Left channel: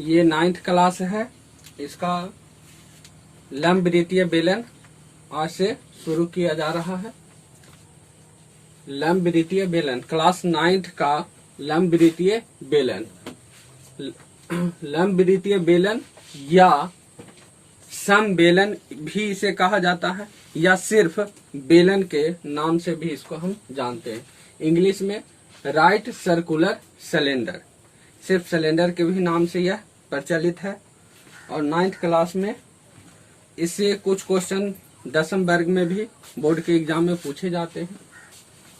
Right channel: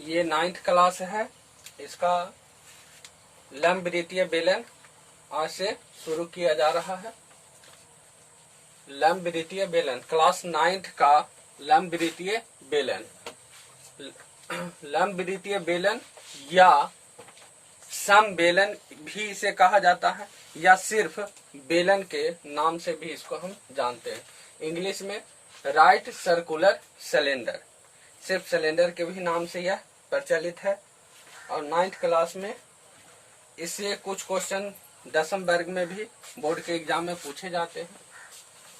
ये 9th class है। इसका लंब-वृत्तीय बेलन आज से शुरू किया जा रहा है। लंब-वृत्तीय बेलन, क्लास 9th का लंब-वृत्तीय बेलन। लंब-वृत्तीय बेलन या समबेलन भी इसे कहा जाता है, या सिर्फ बेलन के नाम से भी इसको हम जानते हैं। इंग्लिश में राइट सर्कुलर सिलेंडर, सिर्फ सिलेंडर के भी नाम से यह प्रचलित है। और 9th क्लास में इससे कुछ क्वेश्चन 10वीं वर्ग में भी बोर्ड के एग्जाम में पूछे जाते हैं।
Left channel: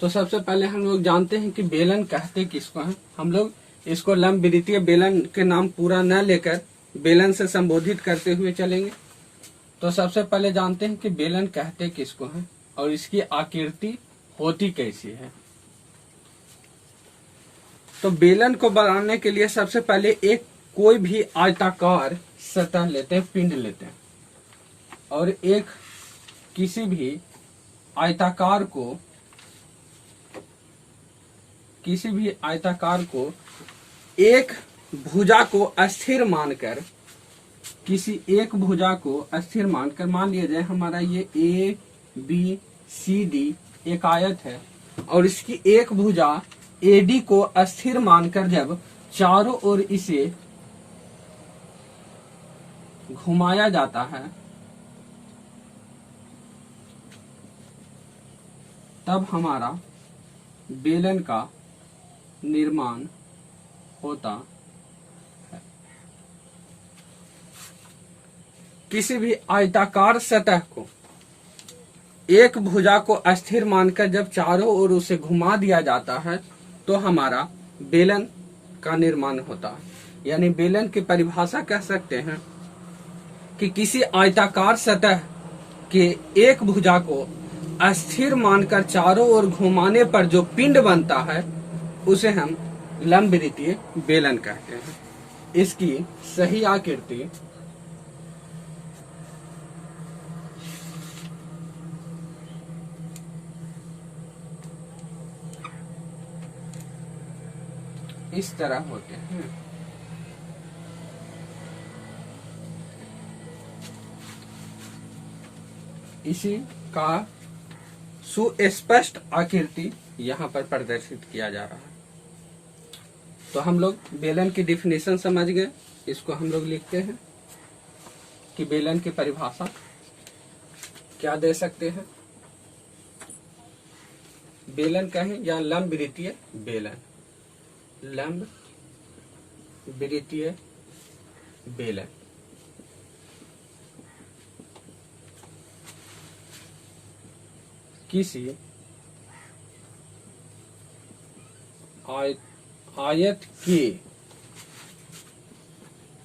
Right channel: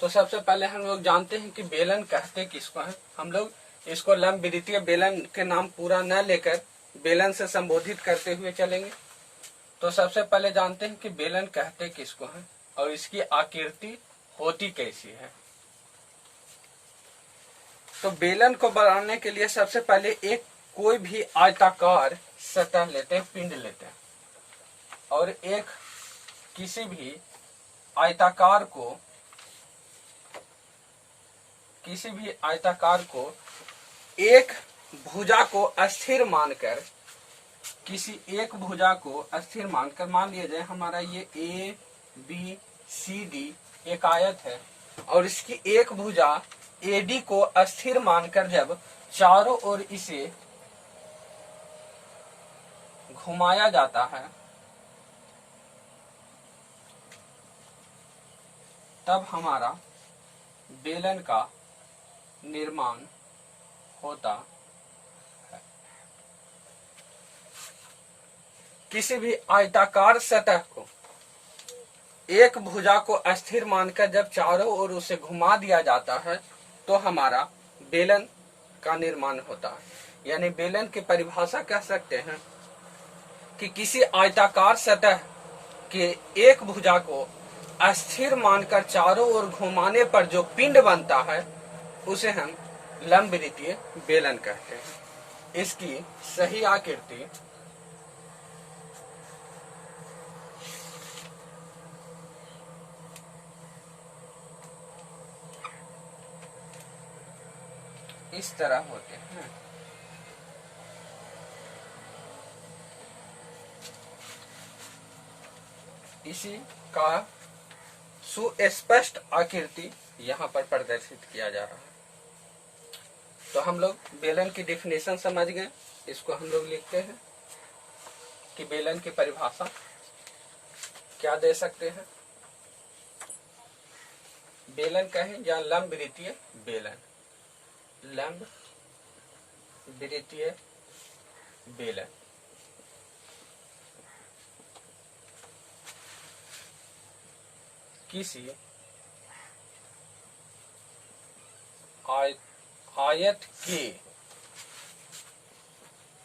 तो सबसे पहले हम लोग जानते हैं कि बेलन कहते किसको हैं। हम लोग इसको लंब-वृत्तीय बेलन के नाम पूरा न लेकर बेलन से संबोधित करते हुए चलेंगे। तो सबसे पहले जानते हैं कि बेलन कहते किसको हैं और इसकी आकृति होती कैसी है। तो बेलन को बनाने के लिए सबसे पहले एक कोई भी आयताकार सतह लेते हैं, पिंड लेते हैं, और एक किसी भी आयताकार को एक भुजा को अस्थिर मानकर, किसी एक भुजा को अस्थिर मानकर, मान लिया जाए हमारा ये ABCD एक आयत है और इसकी एक भुजा AD को अस्थिर मानकर जब चारों ओर इसे घुमाया जाता है तब हमारा बेलन का निर्माण होता है। किसी भी आयताकार सतह को एक भुजा को अस्थिर मानकर जब चारों ओर उसे घुमा दिया जाता है तो हमारा बेलन का निर्माण होता है। यानी बेलन की परिभाषा कह सकते हैं कि किसी आयताकार सतह के एक भुजा को अस्थिर मानकर चारों ओर घुमाने पर जो पिंड बनता है उसे हम लंब-वृत्तीय बेलन कहते हैं। इसकी सही आकृति इस तरह होते हैं। इसी का सुस्पष्ट आकृति यहाँ पर प्रदर्शित किया जा रहा है। तो हम लोग बेलन की डिफिनेशन समझ गए। इसको हम लोग लिखते हैं कि बेलन की परिभाषा क्या दे सकते हैं। बेलन कहें या लंब-वृत्तीय बेलन, लंब-वृत्तीय बेलन किसी आयत के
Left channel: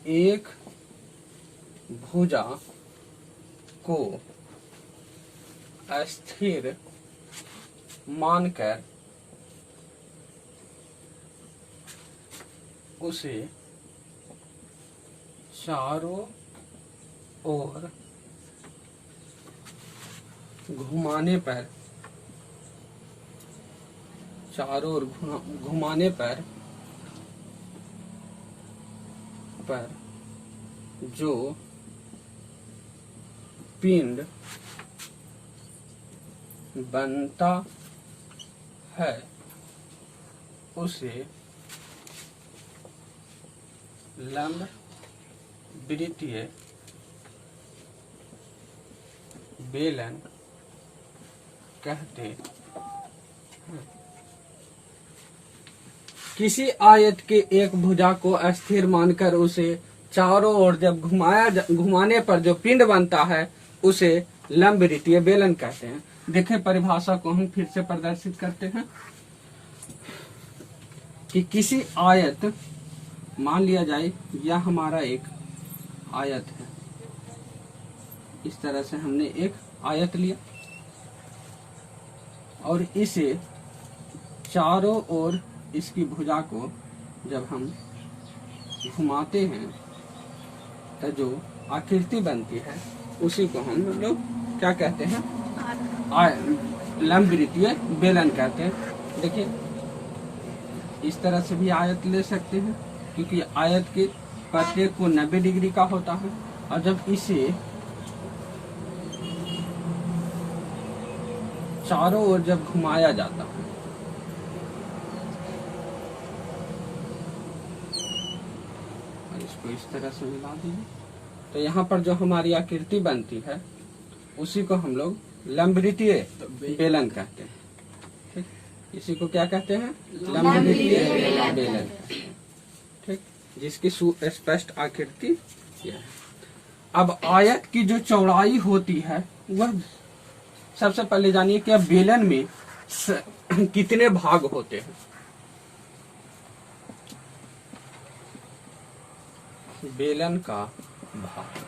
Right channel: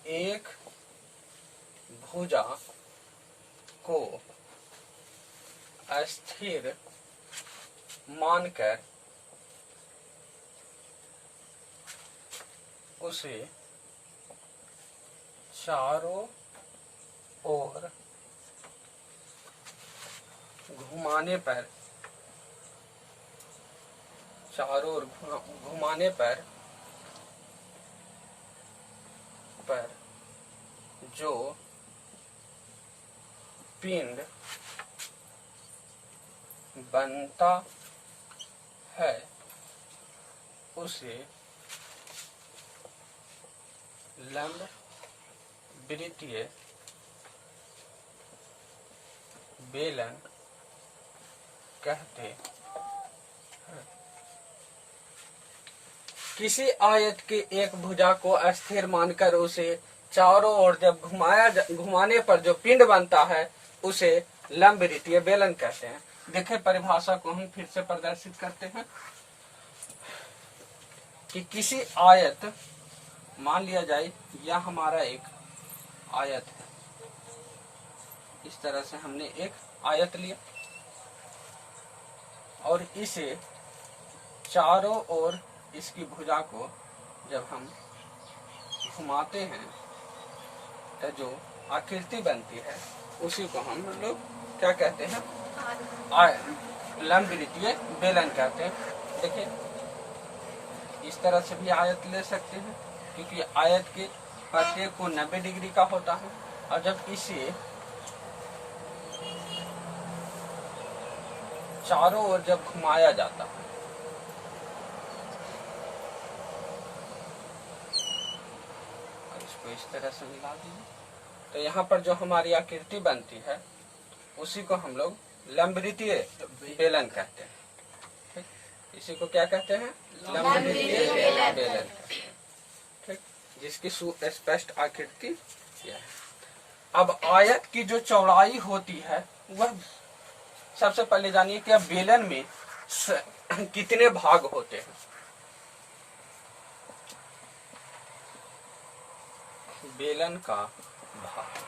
एक भुजा को अस्थिर मानकर उसे चारों ओर घुमाने पर जो पिंड बनता है उसे लंब-वृत्तीय बेलन कहते हैं। किसी आयत के एक भुजा को अस्थिर मानकर उसे चारों ओर जब घुमाने पर जो पिंड बनता है उसे लंब-वृत्तीय बेलन कहते हैं। देखें परिभाषा को हम फिर से प्रदर्शित करते हैं कि किसी आयत, मान लिया जाए यह हमारा एक आयत है, इस तरह से हमने एक आयत लिया और इसे चारों ओर इसकी भुजा को जब हम घुमाते हैं तो जो आकृति बनती है उसी को हम लोग क्या कहते हैं, लंब-वृत्तीय बेलन कहते हैं। देखिए इस तरह से भी आयत ले सकते हैं क्योंकि आयत के प्रत्येक कोण 90 डिग्री का होता है, और जब इसे चारों ओर जब घुमाया जाता है, और इसको इस तरह से मिला दीजिए, तो यहाँ पर जो हमारी आकृति बनती है उसी को हम लोग लंबवृत्तीय बेलन कहते हैं। ठीक, इसी को क्या कहते हैं? लंबवृत्तीय बेलन। ठीक, जिसकी सुस्पष्ट आकृति यह है। अब आयत की जो चौड़ाई होती है वह सबसे पहले जानिए कि अब बेलन में कितने भाग होते हैं। बेलन का भाग,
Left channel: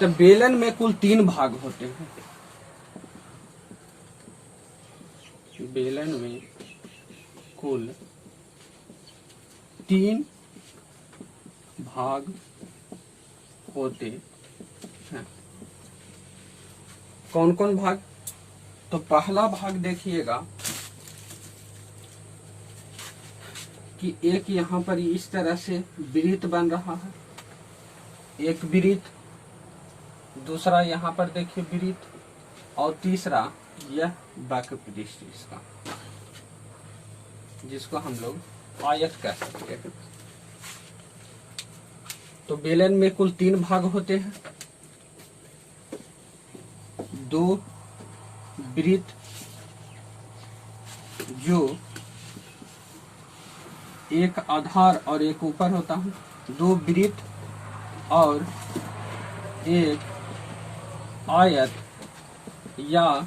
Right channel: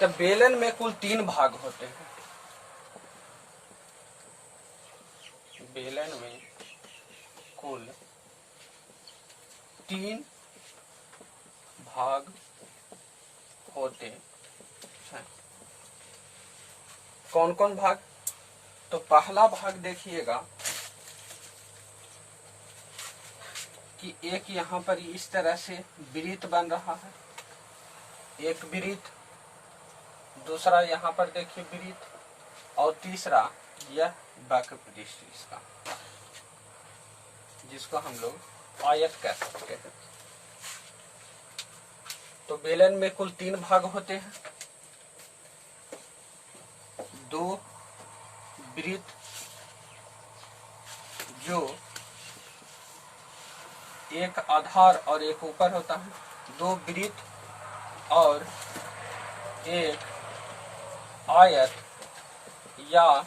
तो बेलन में कुल 3 भाग होते हैं। बेलन में कुल 3 भाग होते हैं। कौन कौन भाग? तो पहला भाग देखिएगा कि एक यहाँ पर इस तरह से वृत्त बन रहा है, एक वृत्त, दूसरा यहाँ पर देखिए वृत्त, और तीसरा यह वक्र पृष्ठ इसका, जिसको हम लोग आयत कह सकते हैं। तो बेलन में कुल 3 भाग होते हैं, 2 वृत्त जो एक आधार और एक ऊपर होता है, 2 वृत्त और एक आयत, या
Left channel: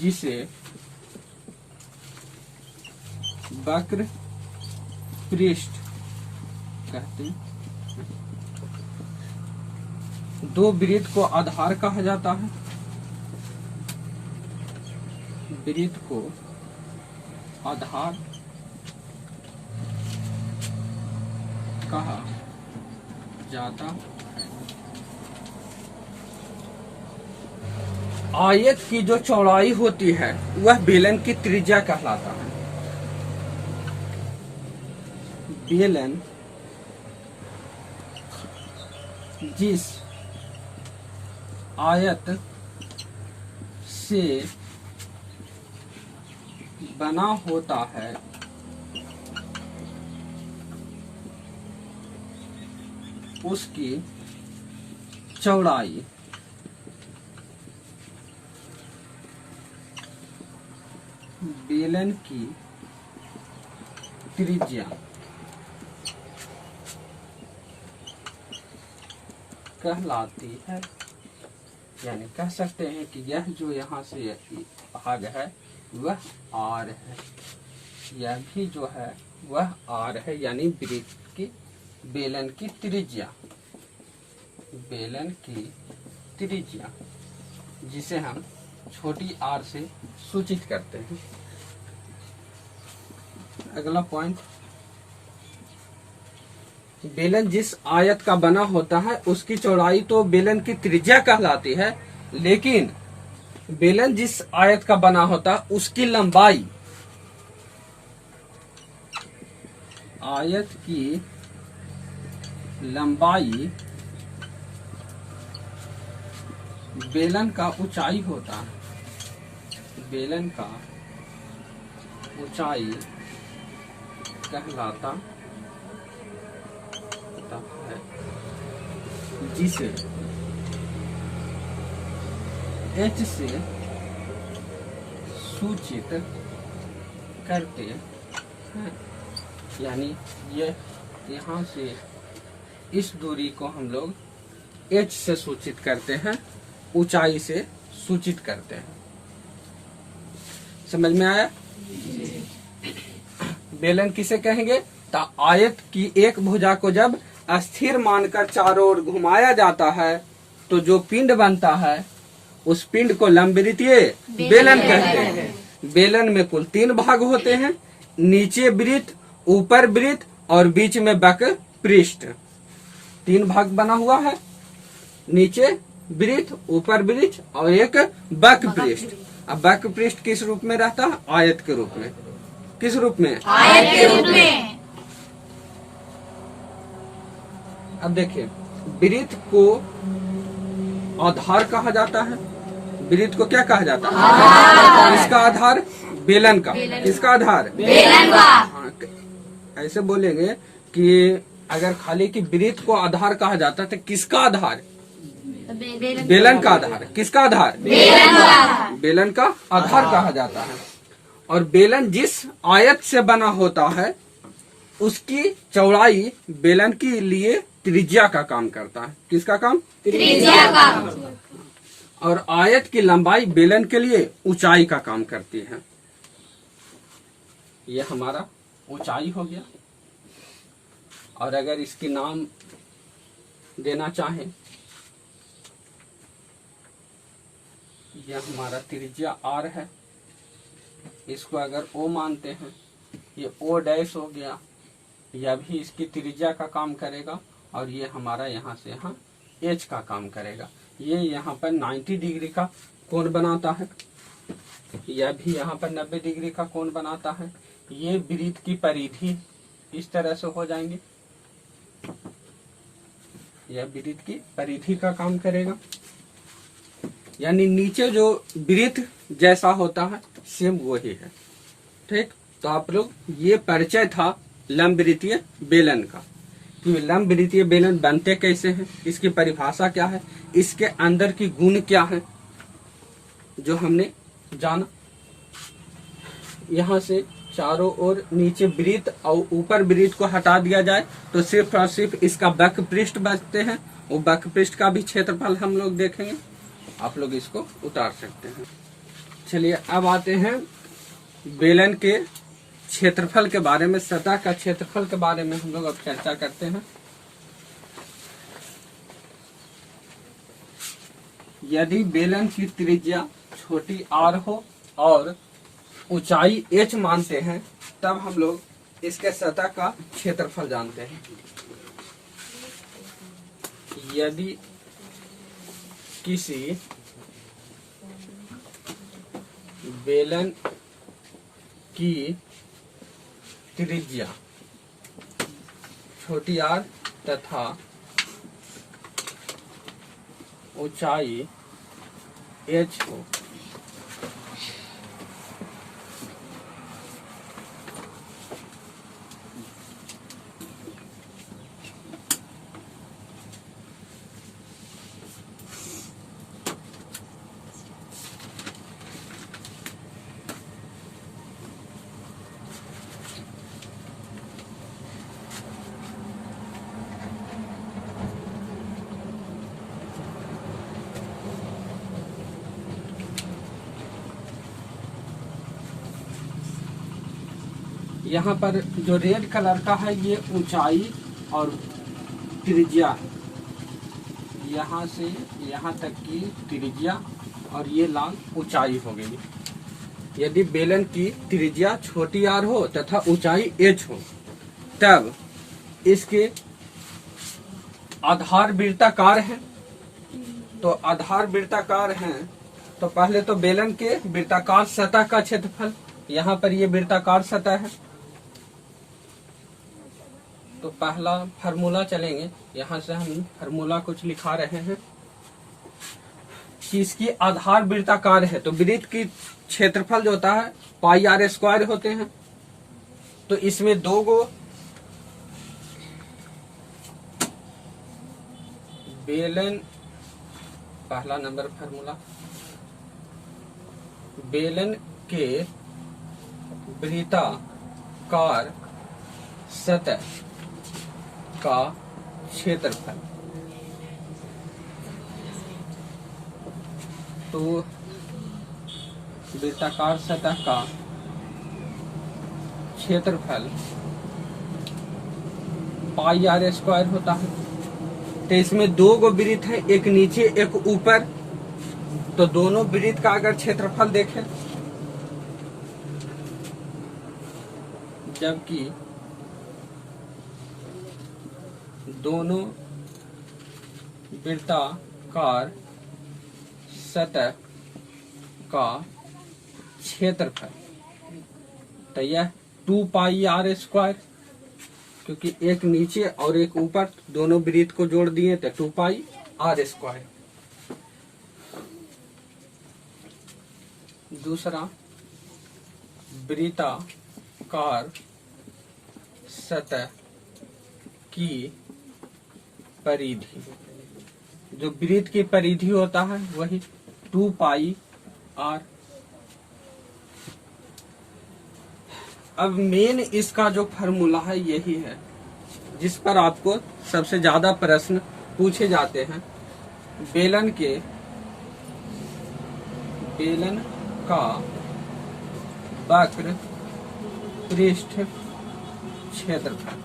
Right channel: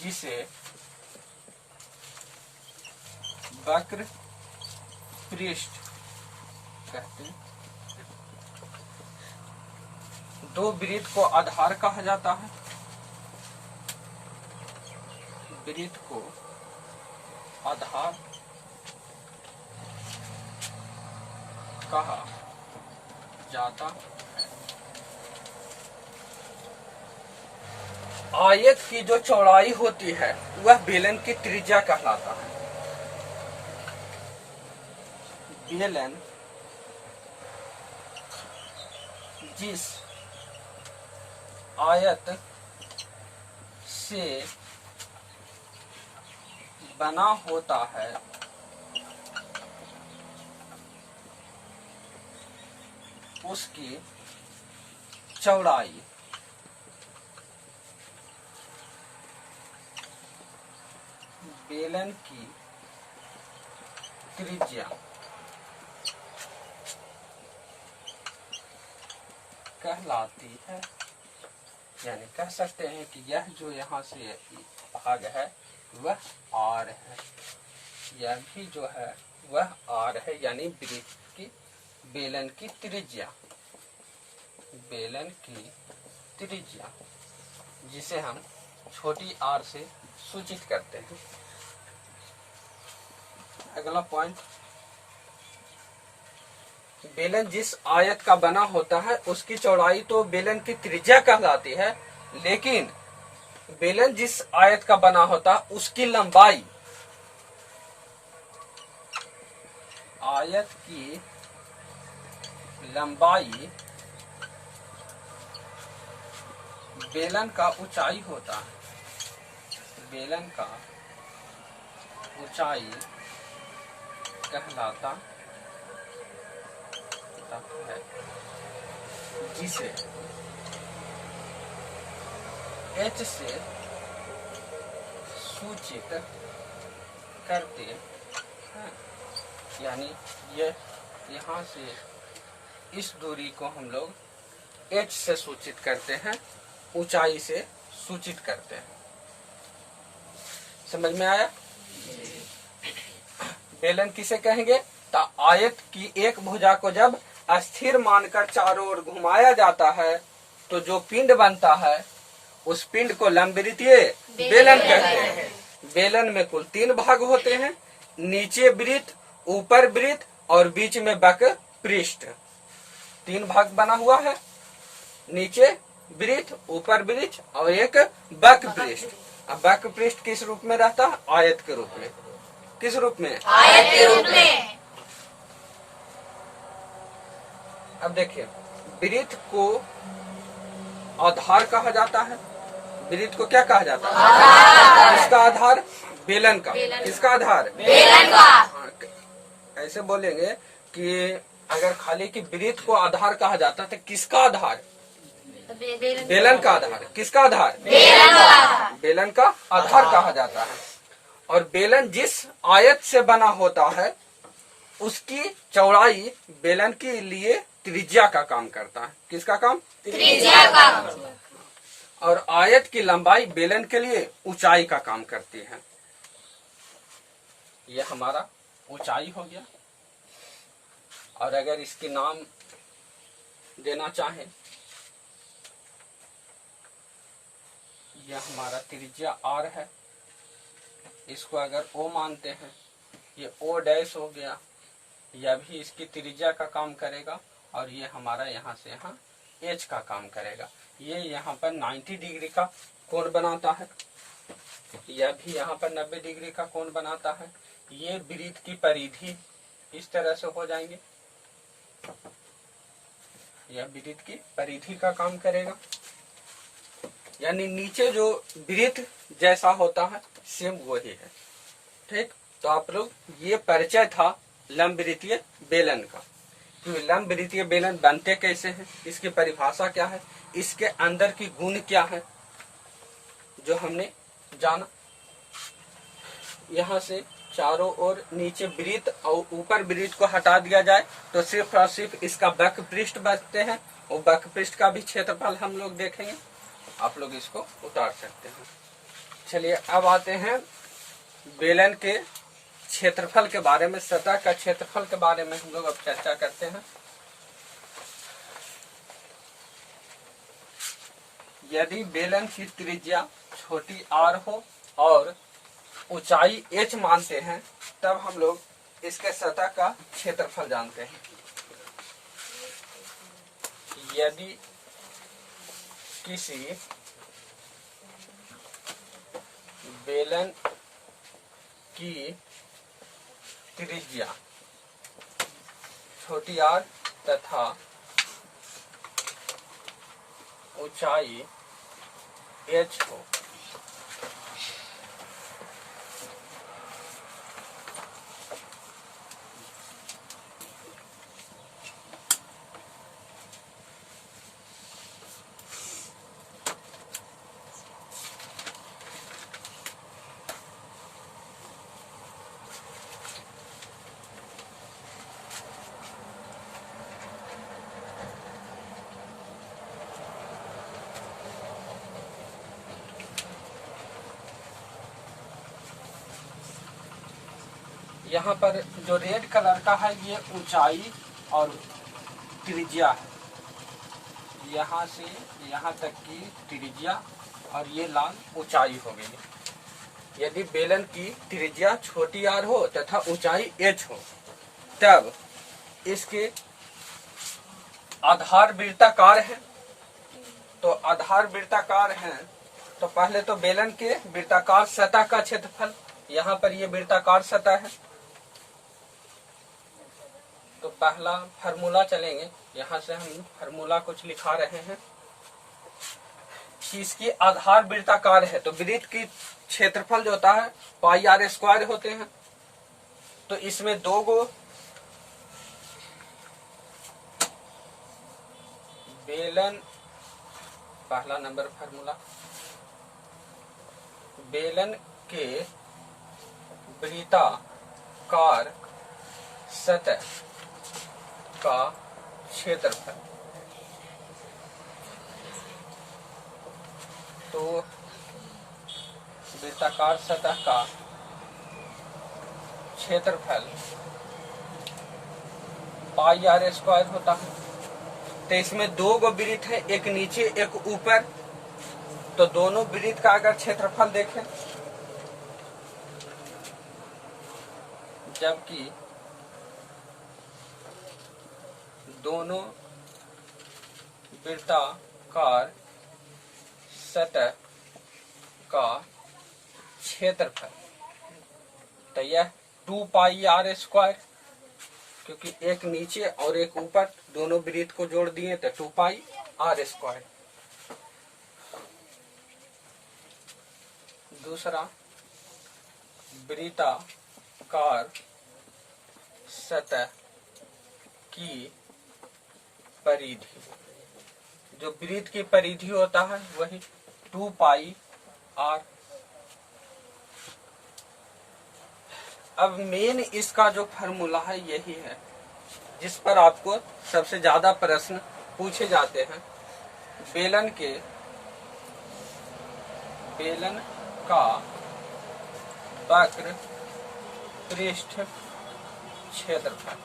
जिसे वक्र पृष्ठ कहते हैं। 2 वृत्त को आधार कहा जाता है, वृत्त को आधार कहा जाता है। आयत की जो चौड़ाई होती है वह बेलन की त्रिज्या कहलाता है। बेलन जिस आयत से बना होता है उसकी चौड़ाई बेलन की त्रिज्या कहलाती है। यानी कह सकते हैं कि यह जो यहाँ से भाग है वह आर है, यह भी जो है वह आर है, यानी वृत्त की बेलन की त्रिज्या, बेलन की त्रिज्या जिसे हम छोटी आर से सूचित करते हैं। अगला पॉइंट, बेलन जिस आयत का बना होता है उसकी चौड़ाई तो बेलन की त्रिज्या कहलाती है, लेकिन बेलन जिस आयत का बना होता है उसकी लंबाई, आयत की लंबाई बेलन का ऊंचाई होता है, बेलन का ऊंचाई कहलाता है, जिसे h से सूचित करते हैं। यानी ये यहाँ से इस दूरी को हम लोग h से सूचित करते हैं, ऊंचाई से सूचित करते हैं। समझ में आया? बेलन किसे कहेंगे? तो आयत की एक भुजा को जब अस्थिर मानकर चारों ओर घुमाया जाता है तो जो पिंड बनता है उस पिंड को लंबवृत्तीय बेलन कहते हैं। बेलन में कुल 3 भाग होते हैं, नीचे वृत्त, ऊपर वृत्त और बीच में वक्र पृष्ठ। 3 भाग बना हुआ है, नीचे वृत्त, ऊपर वृत्त और एक वक्र पृष्ठ। अब वक्र पृष्ठ किस रूप में रहता है? आयत के रूप में। किस रूप में? आयत के रूप में। अब देखिए, वृत्त को आधार कहा जाता है। वृत्त को क्या कहा जाता है? किसका आधार? बेलन का। किसका आधार? बेलन का। हाँ, ऐसे बोलेंगे कि अगर खाली की वृत्त को आधार कहा जाता है तो किसका आधार? बेलन का आधार। किसका आधार? बेलन का आधार कहा जाता है। और बेलन जिस आयत से बना होता है उसकी चौड़ाई बेलन के लिए त्रिज्या का काम करता है। किसका काम? त्रिज्या का। और आयत की लंबाई बेलन के लिए ऊंचाई का काम करती है। यह हमारा ऊंचाई हो गया। और अगर इसके नाम देना चाहें, यह हमारा त्रिज्या आर है, इसको अगर ओ मानते हैं, ये ओ डैश हो गया, यह भी इसकी त्रिज्या का काम करेगा। और ये हमारा यहाँ से यहाँ एच का काम करेगा। ये यहाँ पर 90 डिग्री का कोण बनाता है, यह भी यहाँ पर 90 डिग्री का कोण बनाता है। ये वृत्त की परिधि इस तरह से हो जाएंगे, यह वृत्त की परिधि का काम करेगा। यानी नीचे जो वृत्त जैसा होता है सेम वही है। ठीक, तो आप लोग, ये परिचय था लंबवृत्तीय बेलन का। तो लंबवृत्तीय बेलन बनते कैसे हैं, इसकी परिभाषा क्या है, इसके अंदर की गुण क्या है, जो हमने जाना। यहाँ से चारों ओर नीचे वृत्त और ऊपर वृत्त को हटा दिया जाए तो सिर्फ और सिर्फ इसका वक्र पृष्ठ बचते हैं। वो वक्र पृष्ठ का भी क्षेत्रफल हम लोग देखेंगे, आप लोग इसको उतार सकते हैं। चलिए अब आते हैं बेलन के क्षेत्रफल के बारे में, सतह का क्षेत्रफल के बारे में हम लोग अब चर्चा करते हैं। यदि बेलन की त्रिज्या छोटी आर हो और ऊंचाई एच मानते हैं, तब हम लोग इसके सतह का क्षेत्रफल जानते हैं। यदि किसी बेलन की त्रिज्या छोटी आर तथा ऊंचाई एच हो, यहाँ पर जो रेड कलर का है ये ऊंचाई और त्रिज्या है, यहाँ से यहाँ तक की त्रिज्या और ये लाल ऊंचाई हो गई। यदि बेलन की त्रिज्या छोटी आर हो तथा ऊंचाई एच हो, तब इसके आधार वृत्ताकार है। तो आधार वृत्ताकार हैं तो पहले तो बेलन के वृत्ताकार सतह का क्षेत्रफल, यहाँ पर ये वृत्ताकार सतह है, तो पहला फार्मूला चलेंगे। यहाँ से हम फार्मूला कुछ लिखा रहे हैं कि इसकी आधार वृत्ताकार है तो वृत्त की क्षेत्रफल जो होता है पाई आर स्क्वायर होते हैं। तो इसमें दो गो बेलन, पहला नंबर फार्मूला, बेलन के वृत्ताकार सतह का क्षेत्रफल, तो वृत्ताकार सतह का क्षेत्रफल पाई आर स्क्वायर होता है। तो इसमें दो गो वृत्त है, एक नीचे एक ऊपर, तो दोनों वृत्त का अगर क्षेत्रफल देखें, जबकि दोनों वृत्ताकार सतह का क्षेत्रफल, तो यह 2 पाई आर स्क्वायर क्योंकि एक नीचे और एक ऊपर, दोनों वृत्त को जोड़ दिए तो 2 पाई आर स्क्वायर। दूसरा, वृत्ताकार सतह की परिधि, जो वृत्त की परिधि होता है वही 2 पाई आर। अब मेन इसका जो फार्मूला है यही है जिस पर आपको सबसे ज्यादा प्रश्न पूछे जाते हैं। बेलन का वक्र पृष्ठ क्षेत्रफल,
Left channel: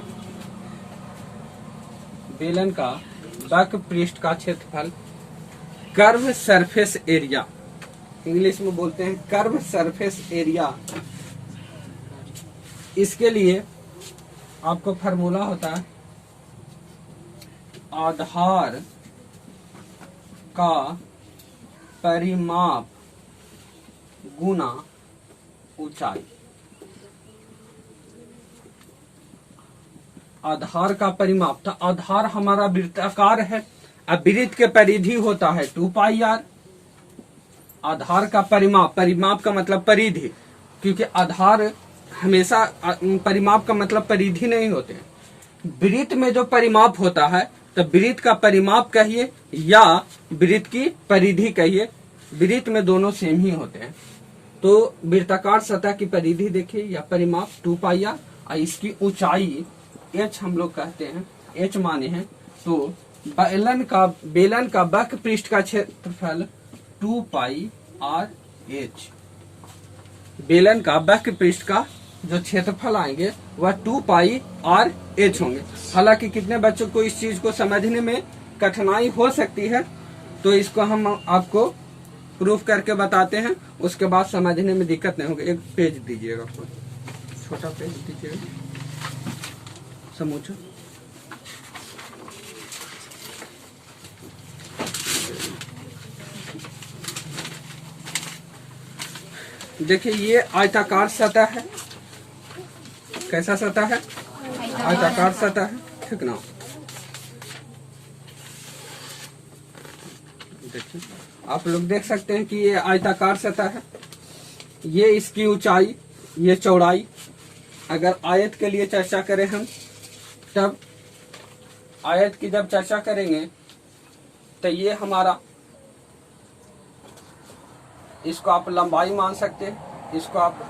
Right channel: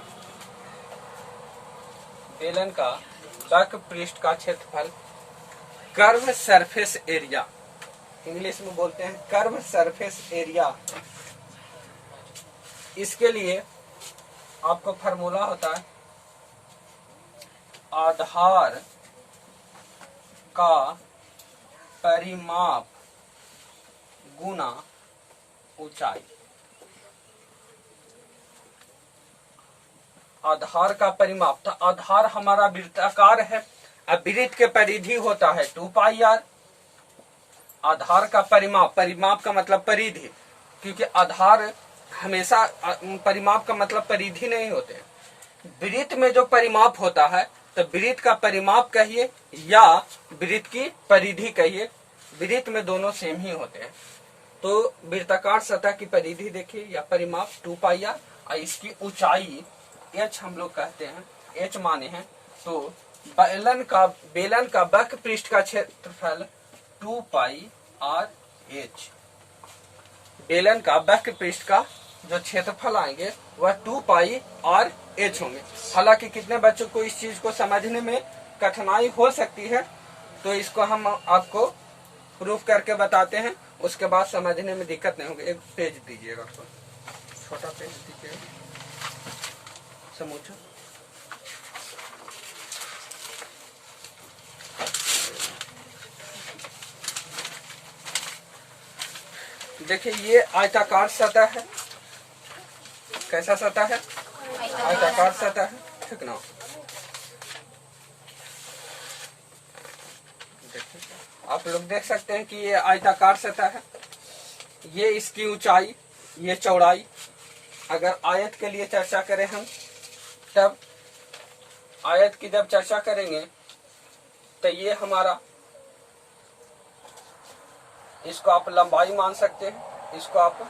बेलन का वक्र पृष्ठ का क्षेत्रफल, कर्व सरफेस एरिया, इंग्लिश में बोलते हैं कर्व सरफेस एरिया। इसके लिए आपको फार्मूला होता है आधार का परिमाप गुना ऊंचाई। आधार का परिमाप, तो आधार हमारा वृत्ताकार है, अब वृत्त के परिधि होता है 2 पाई आर। आधार का परिमाप, परिमाप का मतलब परिधि, क्योंकि आधार हमेशा परिमाप का मतलब परिधि नहीं होते हैं। वृत्त में जो परिमाप होता है तो वृत्त का परिमाप कहिए या वृत्त की परिधि कहिए, वृत्त में दोनों सेम ही होते हैं। तो वृत्ताकार सतह की परिधि देखिए या परिमाप 2 पाई आर, और इसकी ऊंचाई h हम लोग कहते हैं, h माने हैं। तो बेलन का वक्र पृष्ठ का क्षेत्रफल 2 पाई आर h। बेलन का वक्र पृष्ठ का जो क्षेत्रफल आएंगे वह 2 पाई आर h होंगे। हालांकि कितने बच्चों को इस चीज को समझने में कठिनाई हो सकती है, तो इसको हम आपको प्रूफ करके बताते हैं, उसके बाद समझने में दिक्कत नहीं होगी। एक पेज दीजिएगा, तो छोटा पेज दीजिएगा समूचा। देखिए ये आयताकार सतह है। कैसा सतह है? आयताकार सतह है, ठीक ना। देखिए आप लोग देख सकते हैं कि ये आयताकार सतह है, ये इसकी ऊंचाई, ये चौड़ाई। अगर आयत के लिए चर्चा करें हम, तब आयत की जब चर्चा करेंगे तो ये हमारा, इसको आप लंबाई मान सकते हैं, इसको आप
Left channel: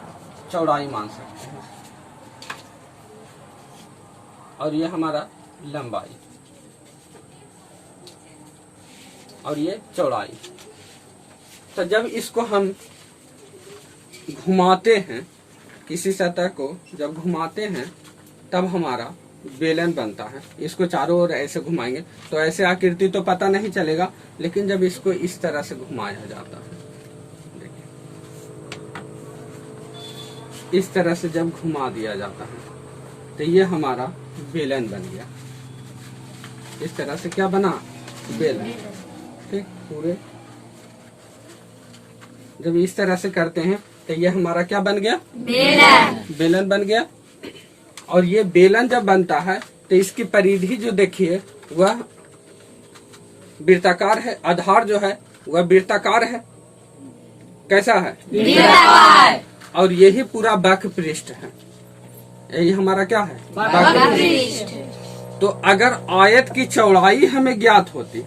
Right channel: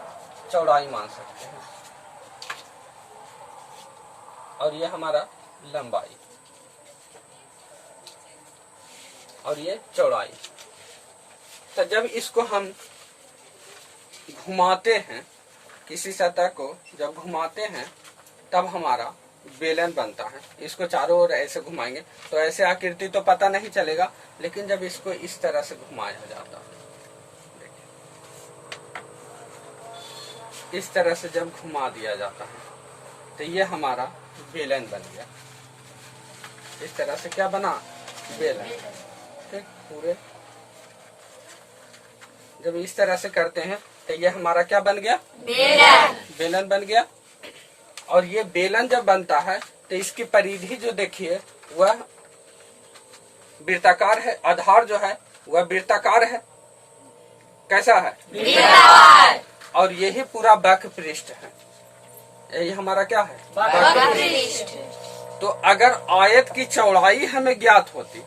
चौड़ाई मान सकते हैं, और ये हमारा लंबाई और ये चौड़ाई। तो जब इसको हम घुमाते हैं, किसी सतह को जब घुमाते हैं तब हमारा बेलन बनता है। इसको चारों ओर ऐसे घुमाएंगे तो ऐसे आकृति तो पता नहीं चलेगा, लेकिन जब इसको इस तरह से घुमाया जाता है, देखिए इस तरह से जब घुमा दिया जाता है तो ये हमारा बेलन बन गया। इस तरह से क्या बना? बेलन। ठीक, पूरे जब इस तरह से करते हैं तो ये हमारा क्या बन गया? बेलन। बेलन बन गया। और ये बेलन जब बनता है तो इसकी परिधि जो देखिए वह वृत्ताकार है, आधार जो है वह वृत्ताकार है। कैसा है? वृत्ताकार। और यही पूरा वक्र पृष्ठ है, यही हमारा क्या है? वक्र पृष्ठ। तो अगर आयत की चौड़ाई हमें ज्ञात होती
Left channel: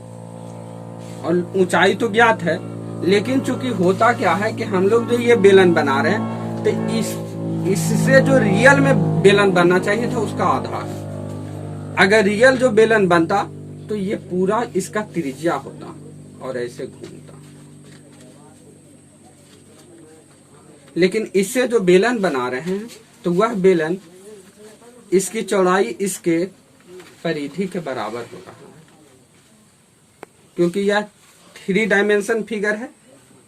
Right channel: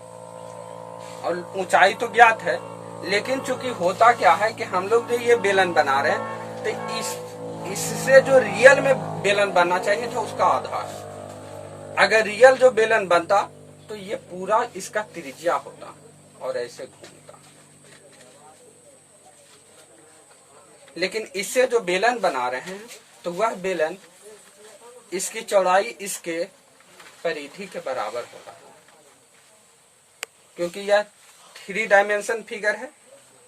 और ऊंचाई तो ज्ञात है, लेकिन चूंकि होता क्या है कि हम लोग जो ये बेलन बना रहे हैं तो इससे जो रियल में बेलन बनना चाहिए था उसका आधार है। अगर रियल जो बेलन बनता तो ये पूरा इसका त्रिज्या होता और ऐसे घूमता, लेकिन इससे जो बेलन बना रहे हैं तो वह बेलन इसकी चौड़ाई इसके परिधि के बराबर होता है, क्योंकि यह 3 डायमेंशन फिगर है।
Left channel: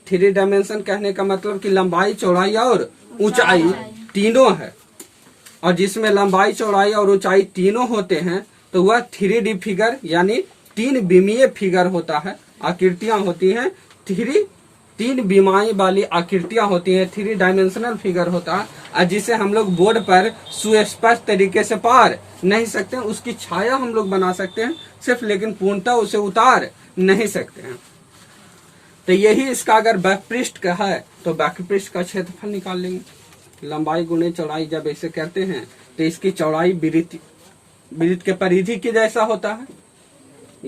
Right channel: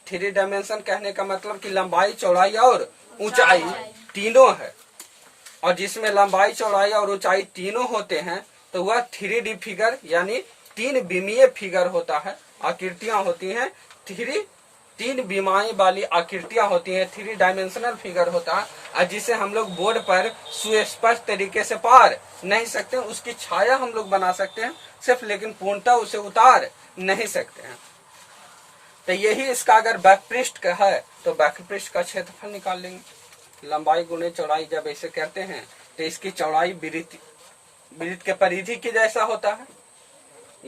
3 डायमेंशन कहने का मतलब कि लंबाई, चौड़ाई और ऊंचाई तीनों है, और जिसमें लंबाई, चौड़ाई और ऊंचाई तीनों होते हैं तो वह 3D फिगर यानी 3 विमीय फिगर होता है। आकृतियां होती हैं 3 3 विमाएं वाली आकृतियां होती हैं, 3 डायमेंशनल फिगर होता है, और जिसे हम लोग बोर्ड पर सुस्पष्ट तरीके से पार नहीं सकते हैं। उसकी छाया हम लोग बना सकते हैं सिर्फ, लेकिन पूर्णतः उसे उतार नहीं सकते हैं। तो यही इसका अगर बैकपृष्ठ का है तो बैकपृष्ठ का क्षेत्रफल निकाल लेंगे। लंबाई गुणे चौड़ाई जब ऐसे करते हैं तो इसकी चौड़ाई वृत्त के परिधि के जैसा होता है।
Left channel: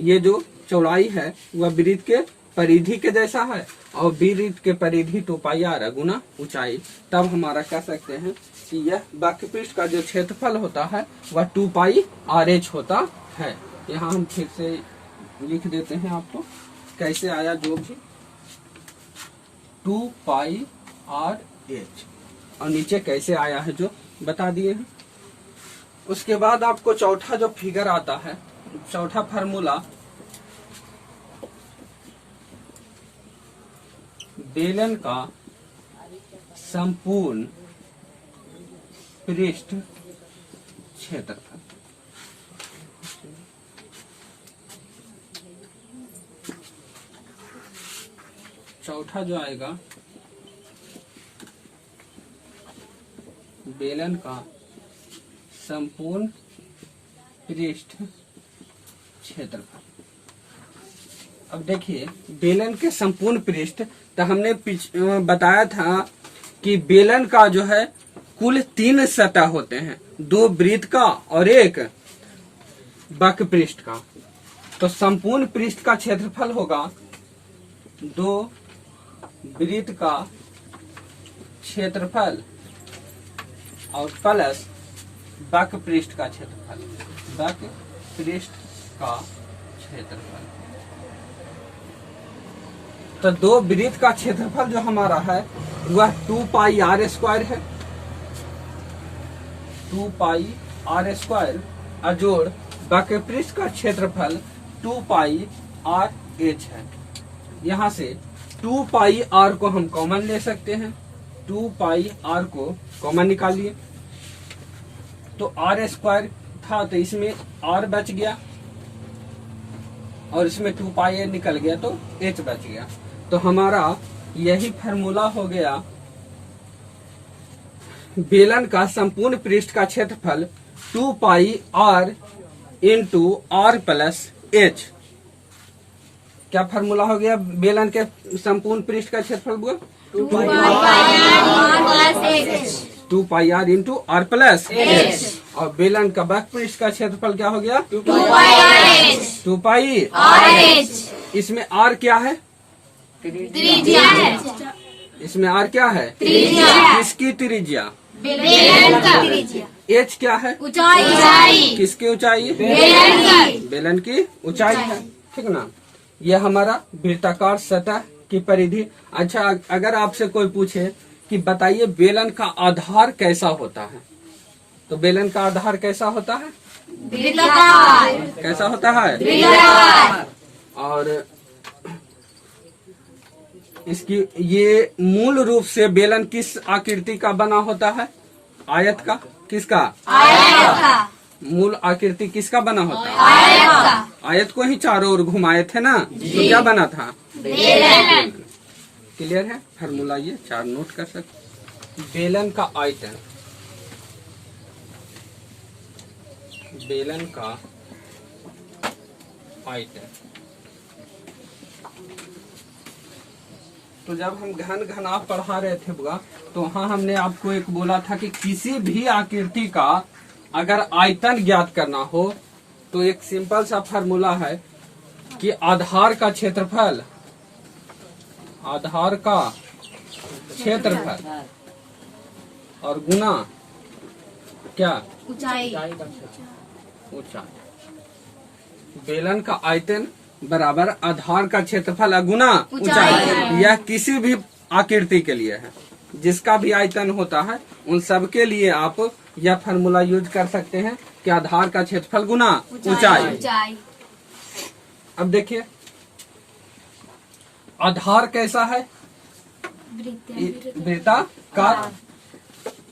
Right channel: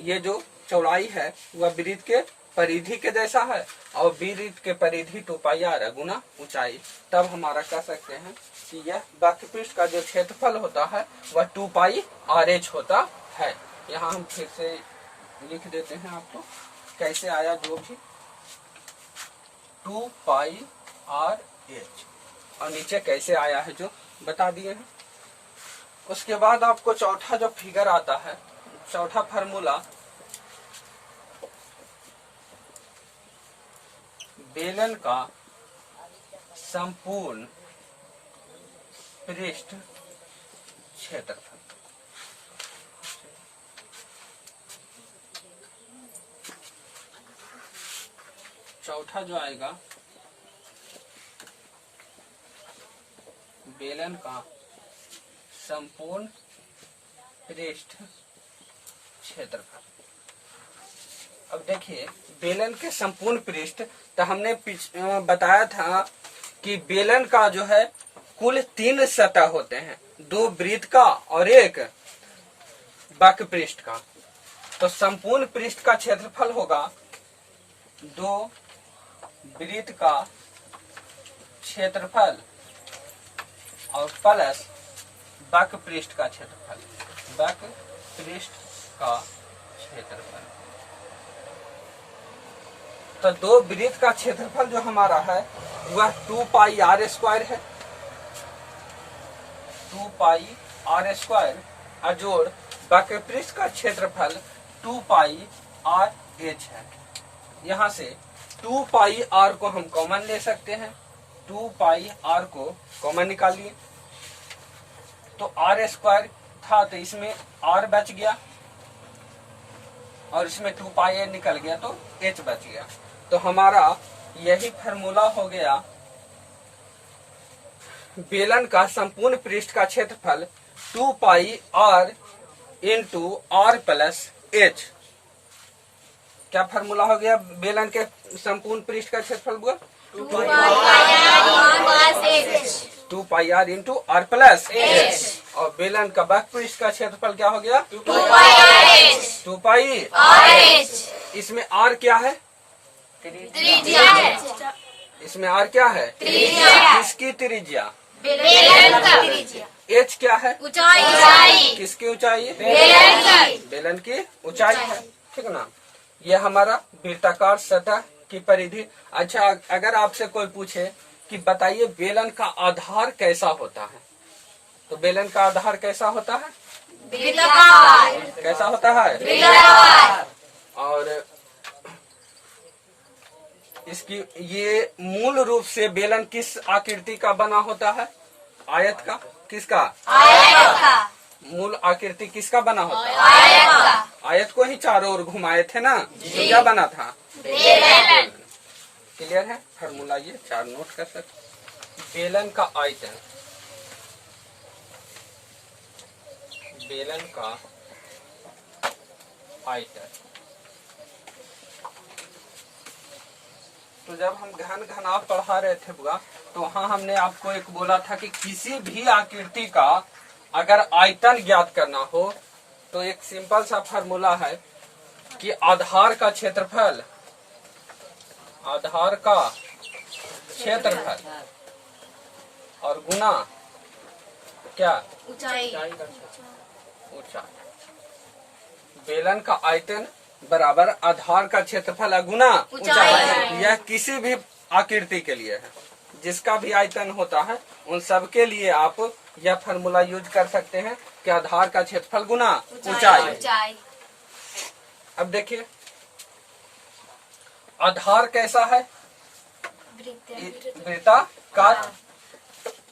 ये जो चौड़ाई है वह वृत्त के परिधि के जैसा है, और वृत्त के परिधि 2 पाई r गुना ऊंचाई। तब हमारा कह सकते हैं कि यह बैकपृष्ठ का जो क्षेत्रफल होता है वह 2 पाई RH होता है। यहाँ हम फिर से लिख देते हैं आपको कैसे आया, जो भी 2 पाई RH, और नीचे कैसे आया है जो बता दिए हैं। उसके बाद आपको चौथा जो फिगर आता है, चौथा फार्मूला, बेलन का संपूर्ण पृष्ठ क्षेत्रफल। चौथा जो आएगा, बेलन का संपूर्ण पृष्ठ क्षेत्रफल। अब देखिए, बेलन के संपूर्ण पृष्ठ, तो हमने बताया था कि बेलन का जो है कुल 3 सतह होते हैं, 2 वृत्त का और 1 वक्रपृष्ठ का। तो संपूर्ण पृष्ठ का क्षेत्रफल होगा 2 वृत्त का क्षेत्रफल और प्लस वक्रपृष्ठ का क्षेत्रफल, वक्रपृष्ठ का क्षेत्रफल। तो 2 वृत्त का क्षेत्रफल जो हमारा है वह 2 पाई r² है, 2 पाई r² अजोड़ वक्रपृष्ठ का क्षेत्रफल 2 पाई RH है। यहाँ से 2 पाई r को हम कॉमन ले सकते हैं, 2 पाई r को कॉमन निकालिए। तो r² था तो इसमें r बच गया, और इसमें 2 पाई निकल गया तो h बच गया। तो हमारा यही फार्मूला हो गया, बेलन का संपूर्ण पृष्ठ का क्षेत्रफल 2 pi r into r plus h। क्या फार्मूला हो गया बेलन के संपूर्ण पृष्ठ का क्षेत्रफल हुआ 2 pi r into r plus h, और बेलन का वक्रपृष्ठ का क्षेत्रफल क्या हो गया 2 पाई RH। इसमें r क्या है, त्रिज्या है। इसमें r क्या है, त्रिज्या। किसकी त्रिज्या, बेलन का। h क्या है, ऊंचाई। किसकी ऊंचाई, बेलन की ऊंचाई है, ठीक ना। ये हमारा वृत्ताकार सतह की परिधि। अच्छा, अगर आपसे कोई पूछे कि बताइए बेलन का आधार कैसा होता है, तो बेलन का आधार कैसा होता है, कैसा होता है, और इसकी ये मूल रूप से बेलन किस आकृति का बना होता है, आयत का। किसका, आयत का। मूल आकृति किसका बना होता है, आयत का। आयत को ही चारों ओर घुमाए थे ना, तो क्या बना था, बेलन। क्लियर है फार्मूला, ये 4 नोट कर सकते। बेलन का आयतन, बेलन का आयतन। तो जब हम घन घनाभ पढ़ा रहे थे बुआ, तो वहाँ हमने आपको एक बोला था कि किसी भी आकृति का अगर आयतन ज्ञात करना हो तो एक सिंपल सा फार्मूला है कि आधार का क्षेत्रफल, आधार का क्षेत्रफल और गुना क्या, ऊंचाई। ऊंचाई। बेलन का आयतन बराबर आधार का क्षेत्रफल गुना ऊंचाई। यह किसी भी आकृति के लिए है, जिसका भी आयतन होता है उन सब के लिए आप यह फार्मूला यूज कर सकते हैं कि आधार का क्षेत्रफल गुना ऊंचाई। अब देखिए आधार कैसा है, वृत्ताकार।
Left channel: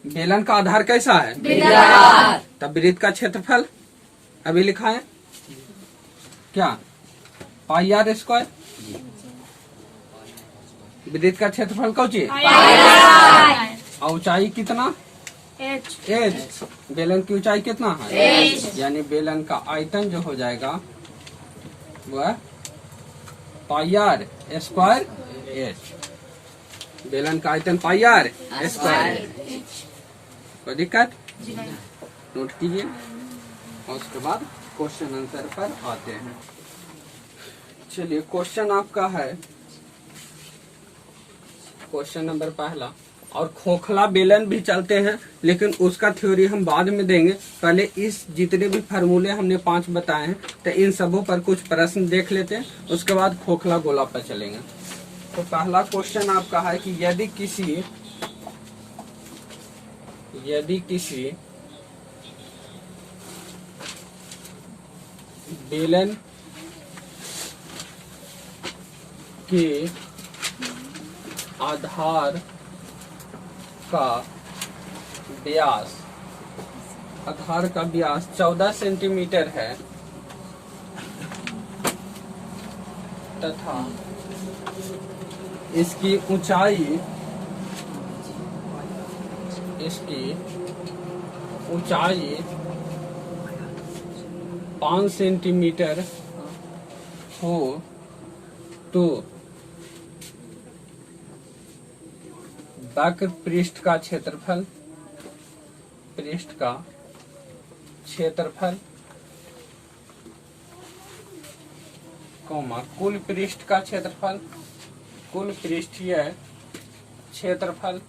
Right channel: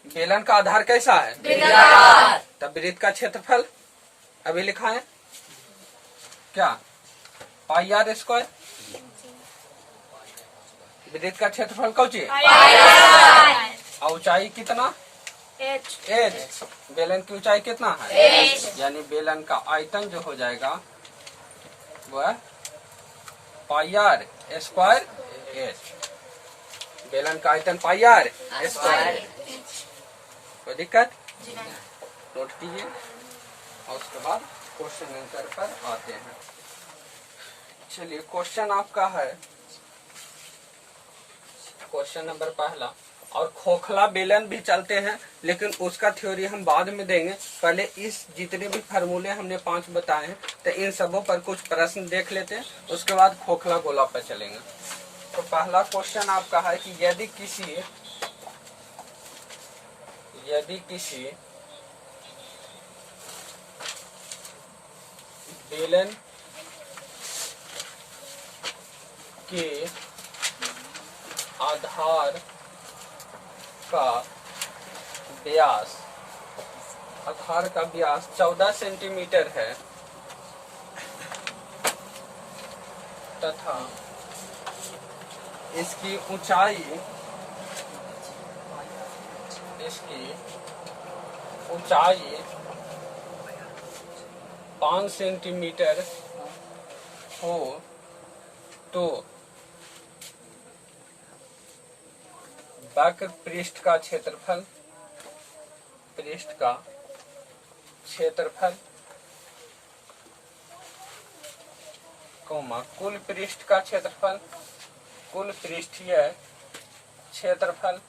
बेलन का आधार कैसा है, वृत्ताकार। तब वृत्त का क्षेत्रफल अभी लिखा है क्या, पाई r²। वृत्त का क्षेत्रफल कौची और ऊंचाई कितना एच। बेलन की ऊंचाई कितना है यानी बेलन का आयतन जो हो जाएगा वह पाई आर स्क्वायर एच। बेलन का आयतन पाई आर स्क्वायर। कोई दिक्कत नोट कीजिए और उसके बाद क्वेश्चन आंसर पर आते हैं। चलिए क्वेश्चन आपका है क्वेश्चन नंबर पहला। और खोखला बेलन भी चलते हैं लेकिन उसका थ्योरी हम बाद में देंगे। पहले इस जितने भी फार्मूले हमने 5 बताए हैं तो इन सबों पर कुछ प्रश्न देख लेते हैं, उसके बाद खोखला गोला पर चलेंगे। तो पहला क्वेश्चन आपका है कि यदि किसी बेलन के आधार का व्यास 14 सेंटीमीटर है तथा इसकी ऊंचाई 5 सेंटीमीटर हो तो वक्र पृष्ठ का क्षेत्रफल कुल पृष्ठ का क्षेत्रफल कुल पृष्ठीय क्षेत्रफल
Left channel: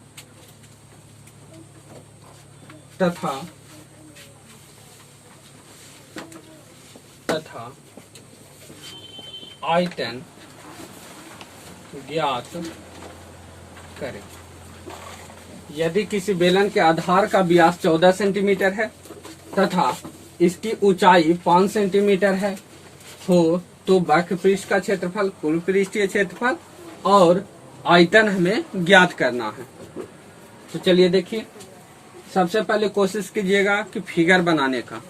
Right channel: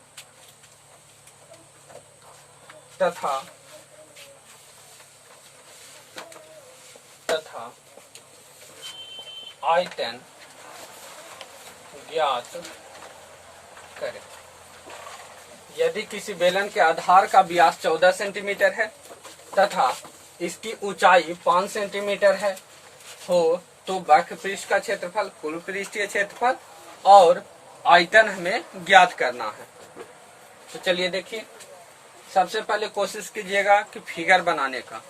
तथा आयतन ज्ञात करें। यदि किसी बेलन के आधार का व्यास 14 सेंटीमीटर है तथा इसकी ऊंचाई 5 सेंटीमीटर है हो तो वक्र पृष्ठ का क्षेत्रफल कुल पृष्ठीय क्षेत्रफल और आयतन हमें ज्ञात करना है। तो चलिए देखिए, सबसे पहले कोशिश कीजिएगा कि फिगर बनाने का।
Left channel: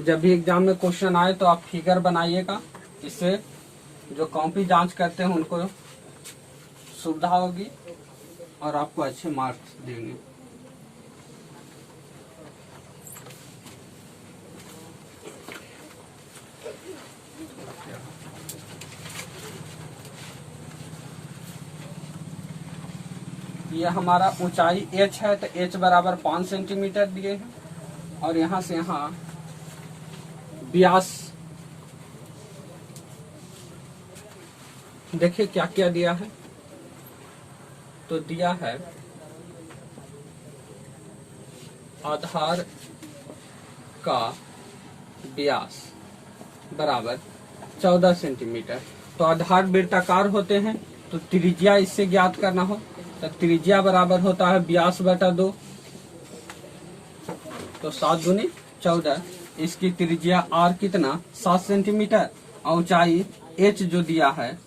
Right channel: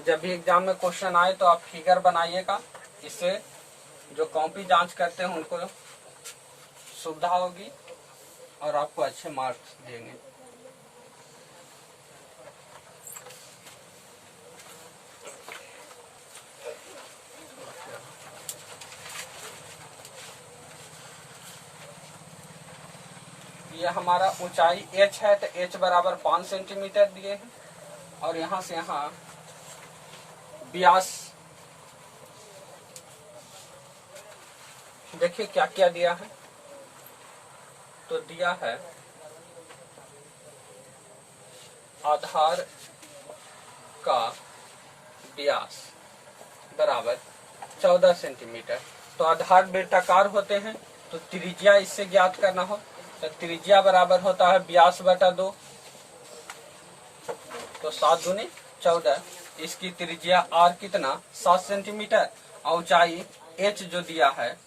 जब भी एग्जाम में क्वेश्चन आए तो आप फिगर बनाइएगा, इससे जो कॉपी जांच करते हैं उनको सुविधा होगी और आपको अच्छे मार्क्स देंगे। ये हमारा ऊंचाई h है तो h बराबर 5 सेंटीमीटर दिए हैं और यहाँ से यहाँ व्यास देखिए क्या क्या दिया है। तो दिया है आधार का व्यास बराबर 14 सेंटीमीटर। तो आधार वृत्ताकार होते हैं तो त्रिज्या इससे ज्ञात करना हो तो त्रिज्या बराबर होता है व्यास बटा 2। तो 7 दूनी 14। इसकी त्रिज्या r कितना 7 सेंटीमीटर और ऊंचाई h जो दिया है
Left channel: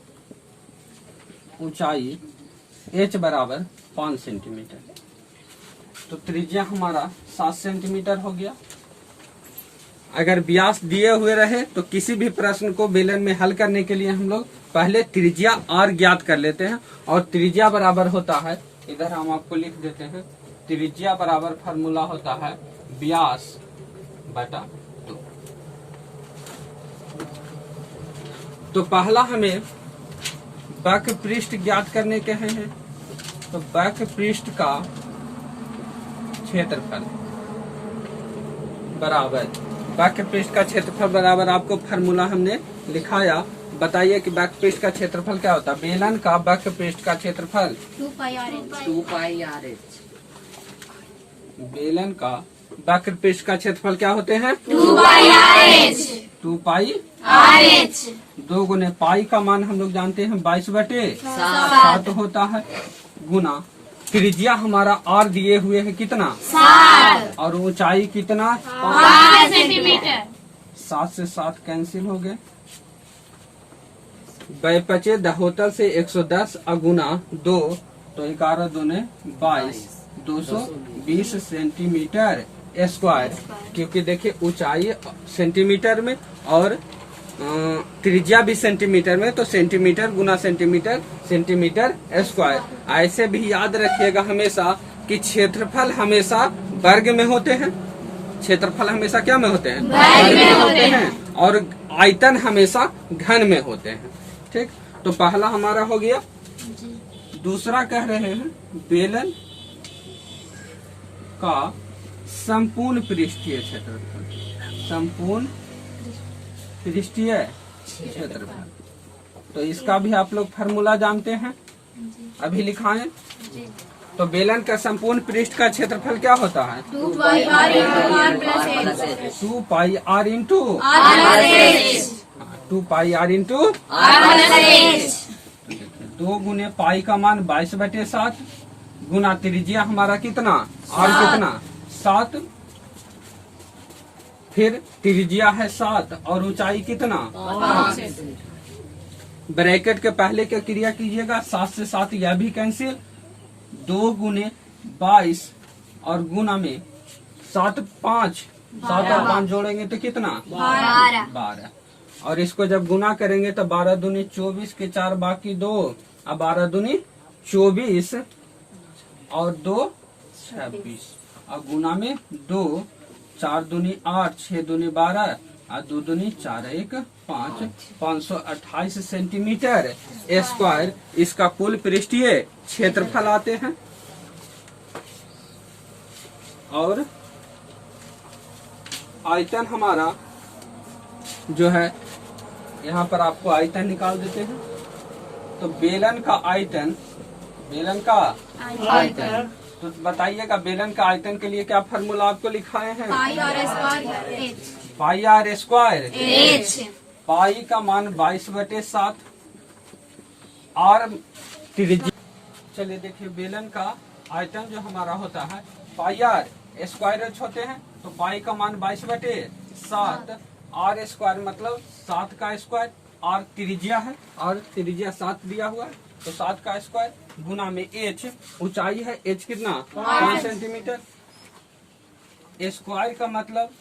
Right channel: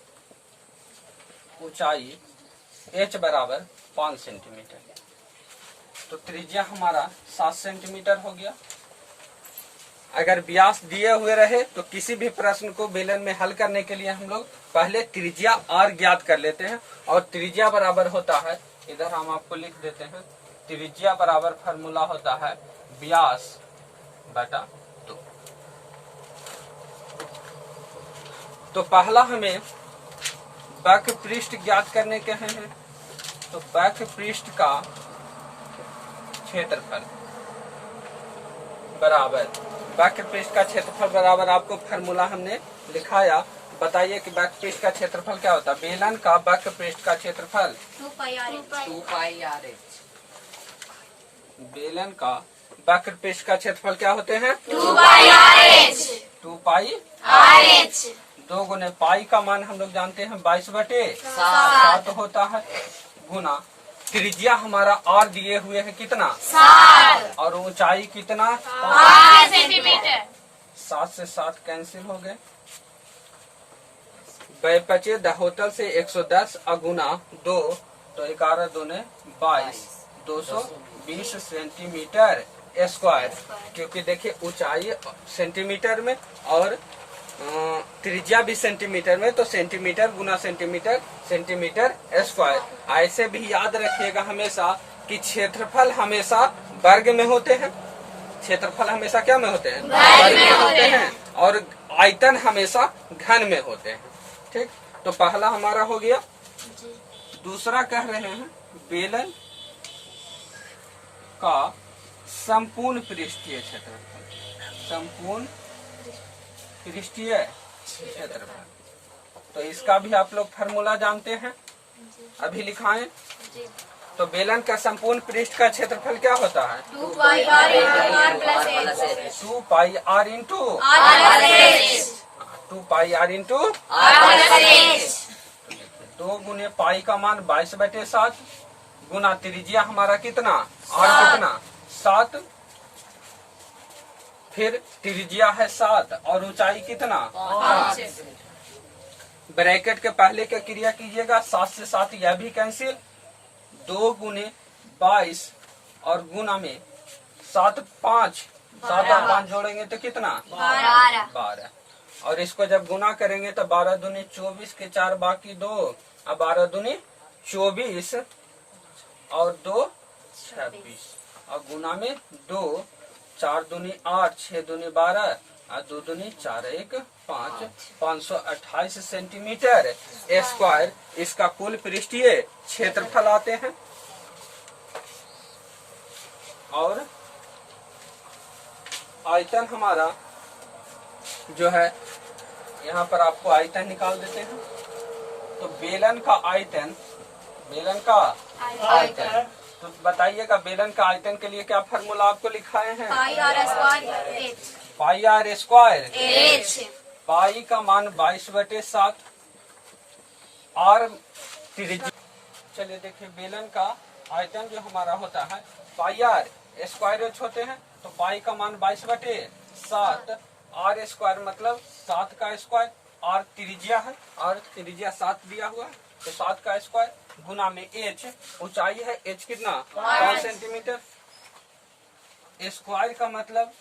ऊंचाई h बराबर 5 सेंटीमीटर। तो त्रिज्या हमारा 7 सेंटीमीटर हो गया। अगर व्यास दिए हुए रहे तो किसी भी प्रश्न को बेलन में हल करने के लिए हम लोग पहले त्रिज्या r ज्ञात कर लेते हैं और त्रिज्या बराबर होता है, इधर हम आपको लिख देते हैं, त्रिज्या बराबर फार्मूला होता है व्यास बटा 2। तो पहला हमें वक्र पृष्ठ ज्ञात करने के हैं। तो वक्र पृष्ठ का क्षेत्रफल बराबर वक्र पृष्ठ का क्षेत्रफल बराबर आपको फार्मूला हमने लिखाया। बताइए कि वक्र पृष्ठ का क्षेत्रफल क्या होता है। बेलन का वक्र पृष्ठ का क्षेत्रफल 2 पाई आर एच। बेलन का वक्र पृष्ठ का क्षेत्रफल क्या होते हैं 2 pi R H. 2 pi R H 2 गुने पाई का मान हम लोग जानते हैं 22/7 होता है गुना त्रिज्या हमारा r दिए हुए है कितना 7 और ऊंचाई कितना 5 सेंटीमीटर। 7 से 7 कैंसिल हो गए। बचे दहोतल से 110 अगुना 2 तो 11 दूने 22 220 सेंटीमीटर स्क्वायर। क्योंकि देखिए ऊंचाई सेंटीमीटर में और त्रिज्या भी सेंटीमीटर में, तो सेंटीमीटर गुना सेंटीमीटर, सेंटीमीटर स्क्वायर। ऐसे भी याद रखिएगा हमेशा कि क्षेत्रफल हमेशा वर्ग में होते हैं, क्षेत्रफल हमेशा क्या में होते हैं, वर्ग में होते हैं, और आयतन हमेशा घन में होते हैं। ठीक, तो पहला हमारा हो गया। दूसरा कह रहे हैं बेलन का संपूर्ण पृष्ठीय क्षेत्रफल, संपूर्ण पृष्ठीय क्षेत्रफल। तो इसका भी आप लोग फार्मूला जानते हैं, अभी लिखाएं। तो बेलन का संपूर्ण पृष्ठ का क्षेत्रफल क्या होता है, 2 pi r into r plus h 2 pi r into r plus h 2 pi r into r plus h 2 गुने पाई का मान 22/7 गुना त्रिज्या हमारा कितना, और कितना 7, फिर त्रिज्या है 7 और ऊंचाई कितना 5। ब्रैकेट के पहले क्या क्रिया कीजिएगा, 7 से 7 यह भी कैंसिल, 2 गुने 22 और गुना में 7 5, 7 और 5 जोड़ेंगे तो कितना 12। और इसको जब गुना करेंगे तो 12 दूनी 24 के 4 बाकी 2, अब 12 दूनी 24 और 2 26 और गुना में 2, 4 दूनी 8, 6 दूनी 12 और 2 दूनी 4 1 5, 528 सेंटीमीटर स्क्वायर इसका कुल पृष्ठीय क्षेत्रफल आते हैं। और आयतन हमारा जो है, यहाँ पर आपको आयतन निकाल देते हैं। तो बेलन का आयतन, बेलन का आयतन, तो बताइएगा बेलन का आयतन के लिए क्या फार्मूला आपको लिखाए हैं, pi r square h pi r square h pi का मान 22/7 और त्रिज्या। चलिए देखिए, बेलन का आयतन जो हमारा होता है पाई आर स्क्वायर एच होते हैं, तो पाई का मान 22/7, आर स्क्वायर मतलब 7 का स्क्वायर, आर त्रिज्या है और त्रिज्या 7 दिया हुआ है, तो 7 का स्क्वायर गुना में एच, ऊंचाई है एच कितना 5 सेंटीमीटर, स्क्वायर का मतलब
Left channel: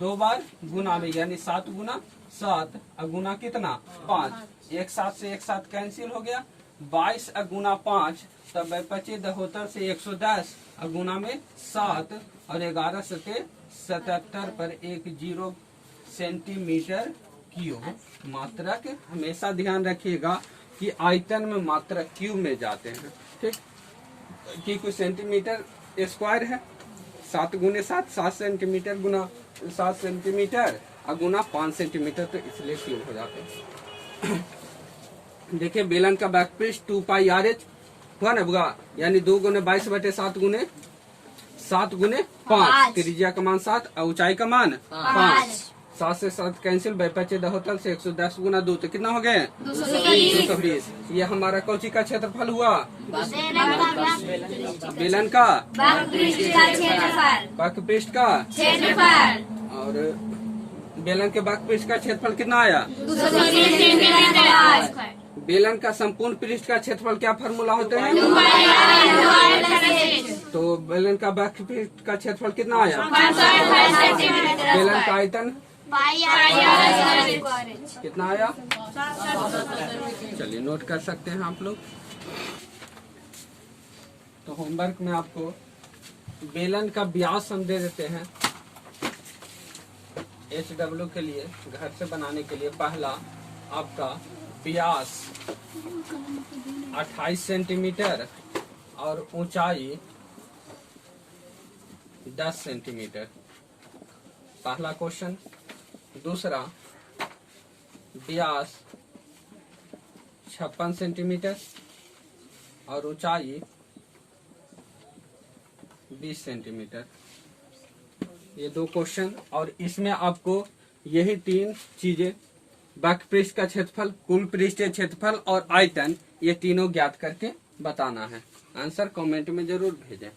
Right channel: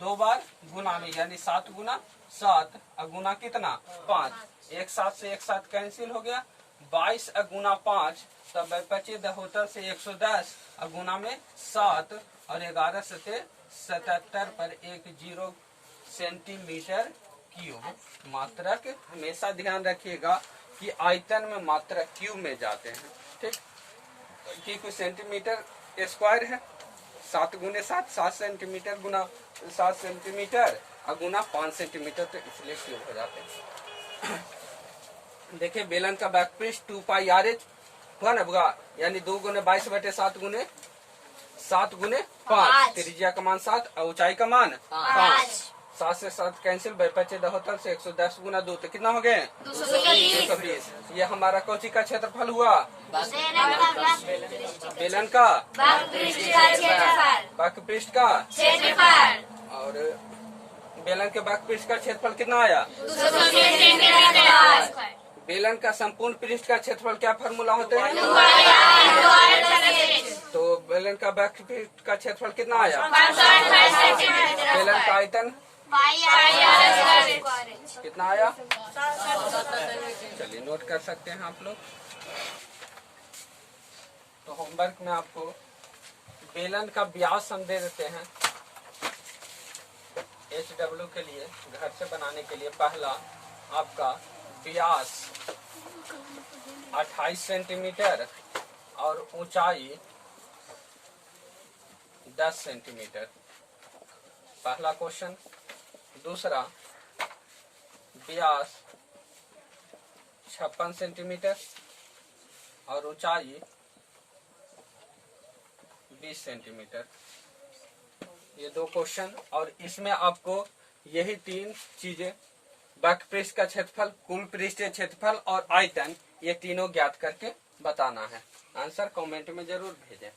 2 बार गुना में, यानी 7 गुना 7 और गुना कितना 5, एक 7 से एक 7 कैंसिल हो गया, 22 गुना 5 तब 25 दहोतर से 110 और गुना में 7 और 11 सते 77 पर 10 सेंटीमीटर क्यूब। मात्रक हमेशा ध्यान रखिएगा कि आयतन में मात्रक क्यूब में जाते हैं। ठीक, कि कुछ सेंटीमीटर स्क्वायर है, 7 गुने 7 7 सेंटीमीटर गुना 7 सेंटीमीटर और गुना 5 सेंटीमीटर, तो इसलिए क्यूब हो जाते हैं। देखिए बेलन का बैकपृष्ठ 2 पाई आर एच हुआ ना बुआ, यानी 2 गुने 22/7 गुने 7 गुने 5, त्रिज्या का मान 7 और ऊंचाई का मान 5, 7 से 7 कैंसिल, 25 दहोतर से 110 गुना 2 तो कितना हो गए 220। ये हमारा कौची का क्षेत्रफल हुआ, बेलन का बैकपृष्ठ का, और बेलन के बैकपृष्ठ का क्षेत्रफल कितना आया, बेलन का संपूर्ण पृष्ठ का क्षेत्रफल क्या फार्मूला होता है, तो बेलन का बैकपृष्ठ का क्षेत्रफल कितना आया, बेलन का आयतन कितना आया, चलिए नोट कर सकते हैं आप लोग। तो होमवर्क में आपको बेलन का व्यास हम दे देते हैं HW के लिए, घर से बनाने के लिए। पहला आपका व्यास 28 सेंटीमीटर और ऊंचाई 10 सेंटीमीटर, पहला क्वेश्चन। दूसरा व्यास 56 सेंटीमीटर और ऊंचाई 20 सेंटीमीटर। ये 2 क्वेश्चन, और इसमें आपको यही 3 चीजें, बैकपृष्ठ का क्षेत्रफल, कुल पृष्ठीय क्षेत्रफल और आयतन, ये तीनों ज्ञात करके बताना है। आंसर कमेंट में जरूर भेजें।